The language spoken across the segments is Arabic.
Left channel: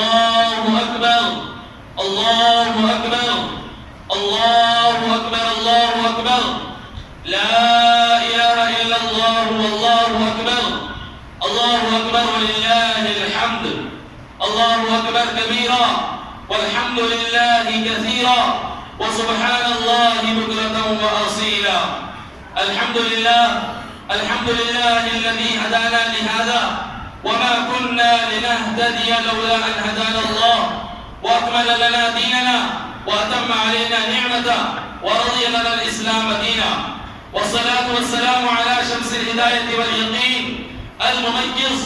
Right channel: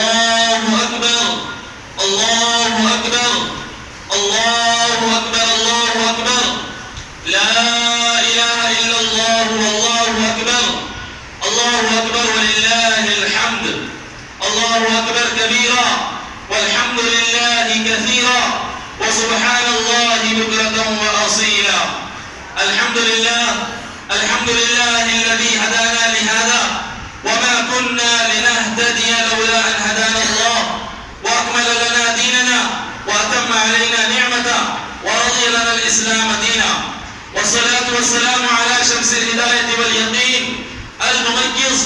الله أكبر الله أكبر الله أكبر الله أكبر لا إله إلا الله والله أكبر الله أكبر ولله الحمد الله أكبر كبيرا والحمد لله كثيرا وسبحان الله بكرة وأصيلا الحمد لله الذي هدانا لهذا وما كنا لنهتدي لولا أن هدانا الله وأكمل لنا ديننا وأتم علينا نعمته ورضي لنا الإسلام دينا والصلاة والسلام على شمس الهداية واليقين المميز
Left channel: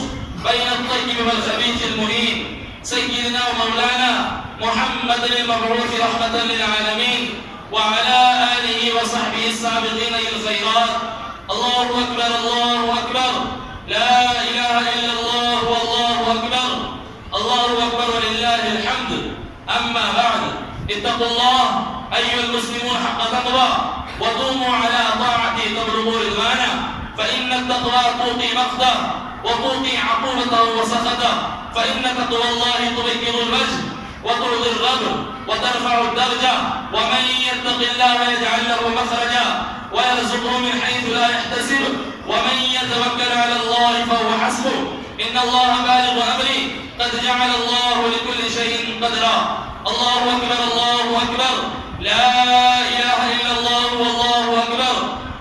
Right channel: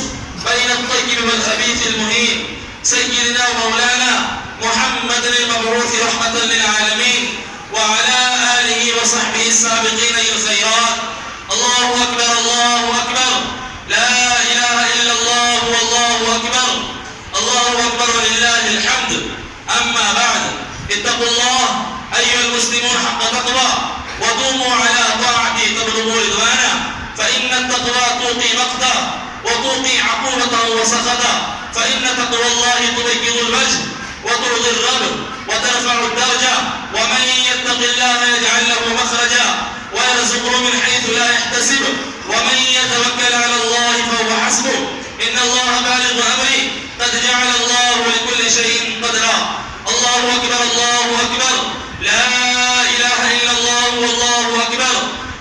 بين الطيب والخبيث المهين سيدنا ومولانا محمد المبعوث رحمة للعالمين وعلى آله وصحبه السابقين إلى الخيرات الله أكبر الله أكبر لا إله إلا الله والله أكبر الله أكبر ولله الحمد أما بعد اتقوا الله أيها المسلمون حق تقوى وقوموا على طاعته تبلغوا رضوانه فإن التقوى توقي مقتا وتوقي عقوبته وسخطه فإن تقوى الله تبيض الوجه وترضي الرب وترفع الدرجة ومن يتق الله يجعل له مخرجا ويرزقه من حيث لا يحتسب ومن يتوكل على الله فهو حسبه إن الله بالغ أمره قد جعل الله لكل شيء قدرا الله أكبر الله أكبر لا إله إلا الله والله أكبر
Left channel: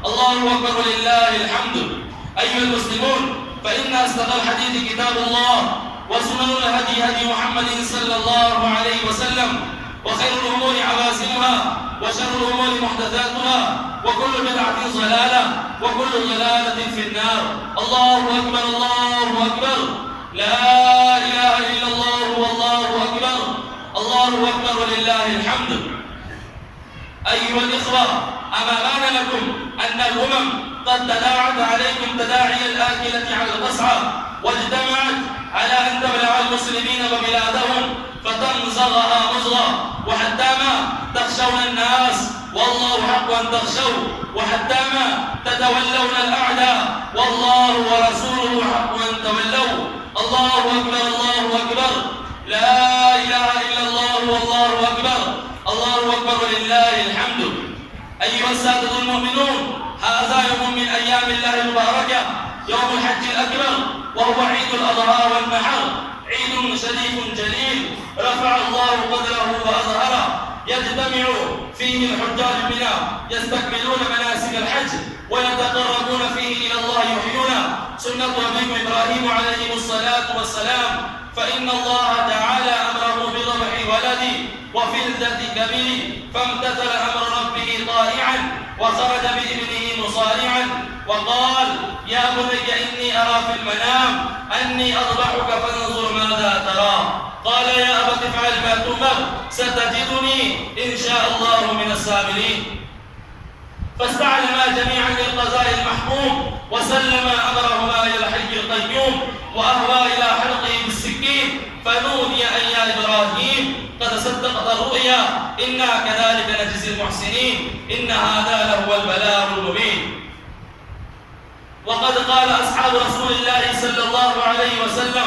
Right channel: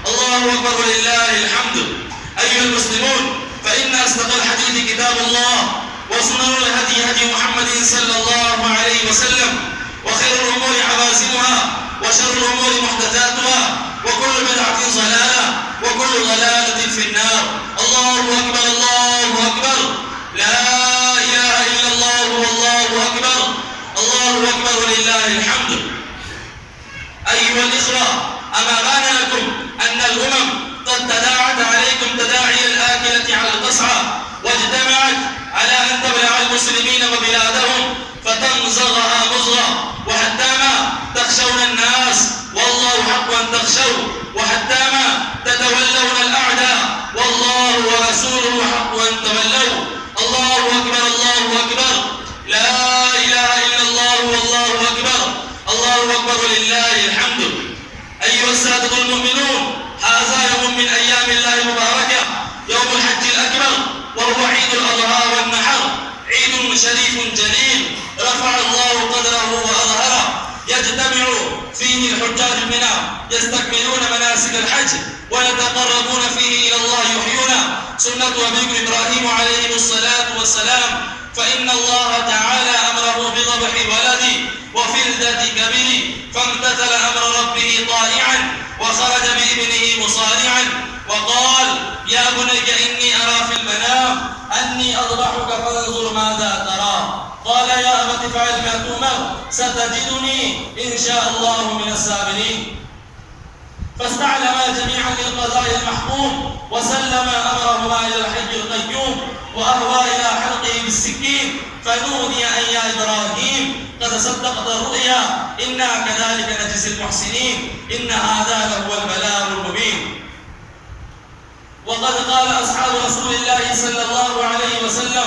الله أكبر ولله الحمد أيها المسلمون فإن أصدق الحديث كتاب الله وسنن الهدي هدي محمد صلى الله عليه وسلم وخير الأمور عوازمها وشر الأمور محدثاتها وكل بدعة ضلالة وكل ضلالة في النار الله أكبر الله أكبر لا إله إلا الله والله أكبر الله أكبر ولله الحمد أيها الإخوة أما بان لكم أن الأمم قد تداعت عليكم تداعي الآكلة على القصعة واجتمعت على أن تبلع المسلمين وبلادهم فتمزغها مزغا وحتى ما تخشون الناس والله حق أن تخشوا وحتى ما تتولون الأعداء والله ورسوله حق أن تولوا الله أكبر الله أكبر لا إله إلا الله والله أكبر الله أكبر ولله الحمد أيها السادة المؤمنون هذا يوم من أيام الله المباركة يوم الحج الأكبر وهو عيد الأضحى والنحر عيد شريف جليل رفع الله قدره وأظهره يجتمع فيه الحجاج منى يستكملون مناسك الحج ويتقربون فيه إلى الله يحيون سنة أبيكم إبراهيم عليه الصلاة والسلام فإن الله تعالى أمره بذبح ولدي وفلذة كبير فامتثل أمر ربه طائعا وخرج بابنه مصارعا وقال يا بني إني أرى في المنام أني أذبحك فانظر ماذا ترى قال يا أبت افعل ما تؤمر ستجدني إن شاء الله من الصابرين فاستعلما جميعا للقضاء المحكوم وسلم أمرهما إلى الحي القيوم وأهوى إلى حلقه بالسكين فنودي أن يا إبراهيم قد صدقت الرؤيا إنا كذلك نجزي المحسنين إن هذا لهو البلاغ المبين وقد قال أصحاب رسول الله صلى الله عليه وسلم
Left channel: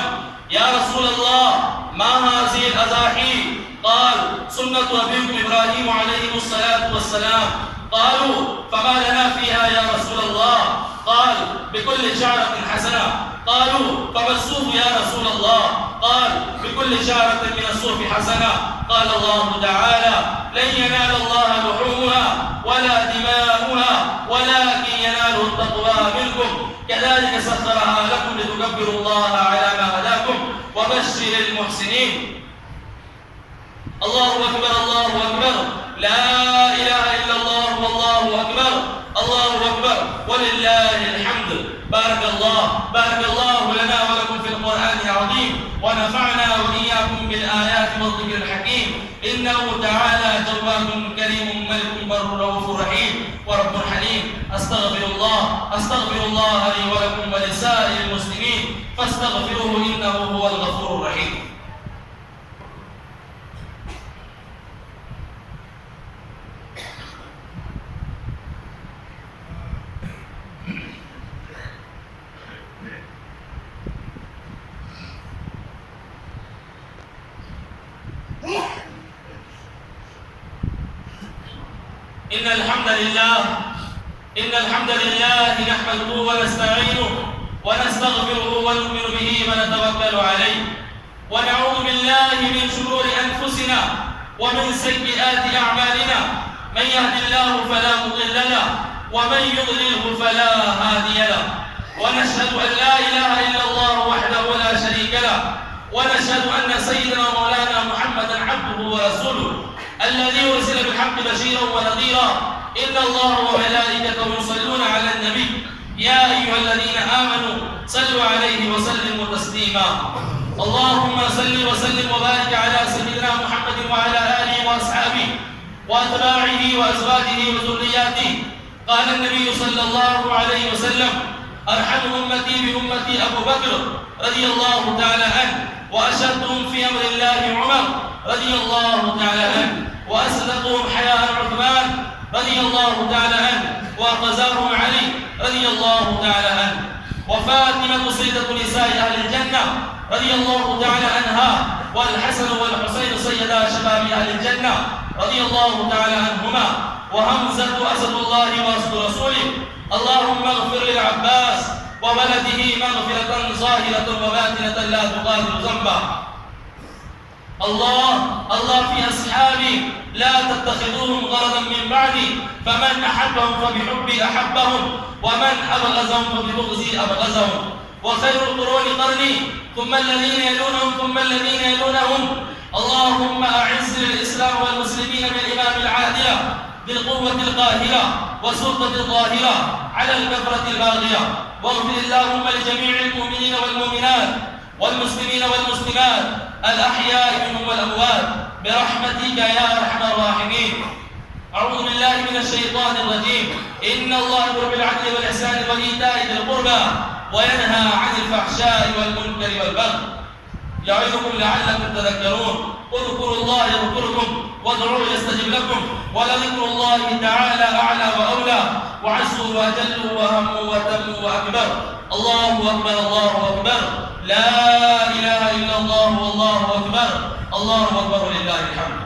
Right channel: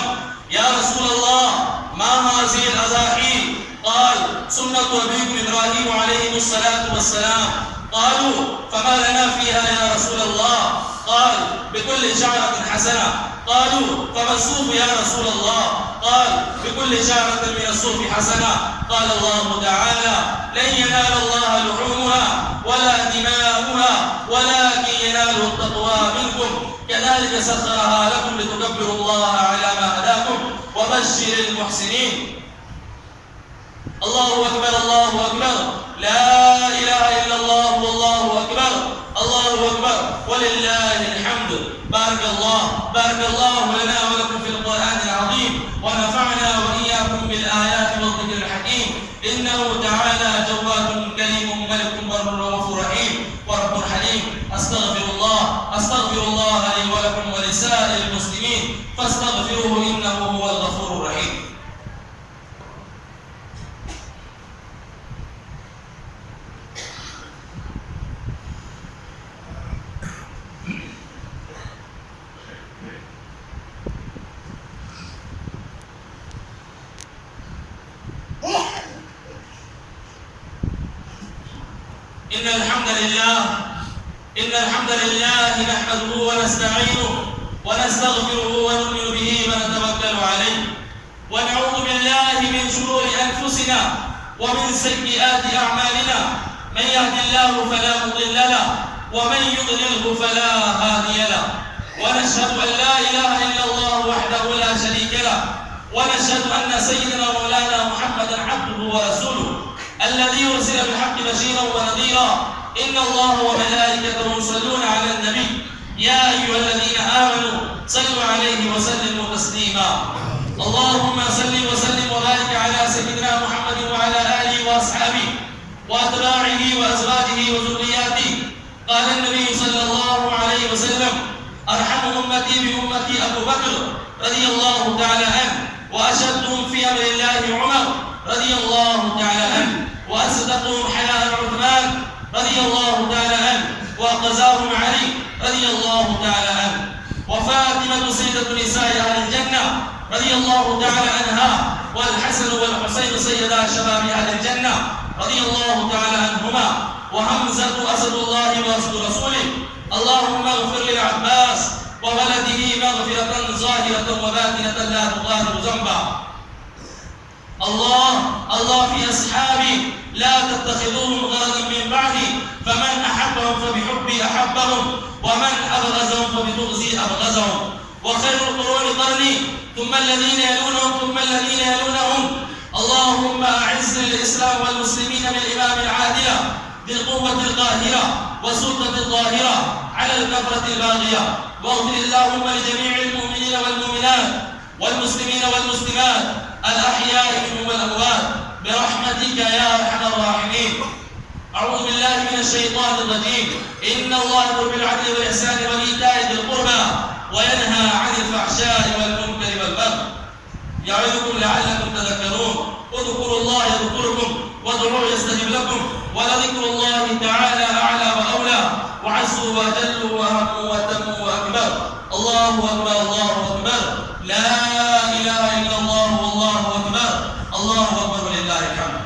يا رسول الله ما هذه الأضاحي قال سنة أبيكم إبراهيم عليه الصلاة والسلام قالوا فما لنا فيها يا رسول الله قال بكل شعرة حسنة قالوا فما الصوف يا رسول الله قال بكل شعرة من الصوف حسنة قال الله تعالى لن ينال الله لحومها ولا دماؤها ولكن يناله التقوى منكم كذلك سخرها لكم لتكبروا الله على ما هداكم وبشر المحسنين الله أكبر الله أكبر لا إله إلا الله والله أكبر الله أكبر ولله الحمد بارك الله لنا ولكم في القرآن العظيم ونفعنا وإياكم بالآيات والذكر الحكيم إنه تعالى جواد كريم ملك بر رؤوف رحيم ورب حليم أستغفر الله لي ولكم ولسائر المسلمين فاستغفروه إنه هو الغفور الرحيم إن الحمد لله نحمده ونستعينه ونستغفره ونؤمن به ونتوكل عليه ونعوذ بالله من شرور أنفسنا ومن سيئات أعمالنا. من يهد الله فلا مضل له ومن يضلله فلا هادي له. ونشهد أن لا إله إلا الله وحده لا شريك له ونشهد أن سيدنا ومولانا محمدا عبده ورسوله الذي أرسل بالحق بشيرا ونذيرا. إن الله وملائكته يصلون على النبي يا أيها الذين آمنوا صلوا عليه وسلموا تسليما. اللهم صل وسلم وبارك على سيدنا محمد وعلى آله وأصحابه وأتباعه وأزواجه وذرياته. قال النبي صلى الله عليه وسلم: أرحم أمتي بأمتي أبو بكر رضي الله تعالى عنه، وأشدهم في أمر الله عمر رضي الله تعالى عنه، وأصدقهم حياء عثمان رضي الله تعالى عنه، وأقزاهم علي رضي الله تعالى عنه، وفاطمة سيدة نساء أهل الجنة رضي الله تعالى عنها، والحسن والحسين سيدا شباب أهل الجنة رضي الله تعالى عنهما، وحمزة أسد الله وأسد رسوله. اللهم اغفر للعباس وولده مغفرة ظاهرة وباطنة لا تغادر ذنبا. الله في أصحابي لا تتخذوهم غرضا من بعدي، فمن أحبهم فبحبي أحبهم ومن أبغزهم فببغزي أبغزهم. وخير القرون قرني ثم الذين يلونهم ثم الذين يلونهم. اللهم أعز الإسلام والمسلمين بالإمام العادلة بالقوة القاهرة والسلطة الظاهرة على الكفرة الباغية. واغفر اللهم لجميع المؤمنين والمؤمنات والمسلمين والمسلمات الأحياء منهم والأموات برحمتك يا أرحم الراحمين. أعوذ بالله من الشيطان الرجيم. إن الله يأمر بالعدل والإحسان وإيتاء ذي القربى وينهى عن الفحشاء والمنكر والبغي يعظكم لعلكم تذكرون. اذكروا الله يذكركم وادعوه يستجب لكم ولذكر الله تعالى أعلى وأولى وعز وأجل وأهم وأتم وأكبر. الله أكبر الله أكبر لا إله إلا الله والله أكبر. الله أكبر ولله الحمد.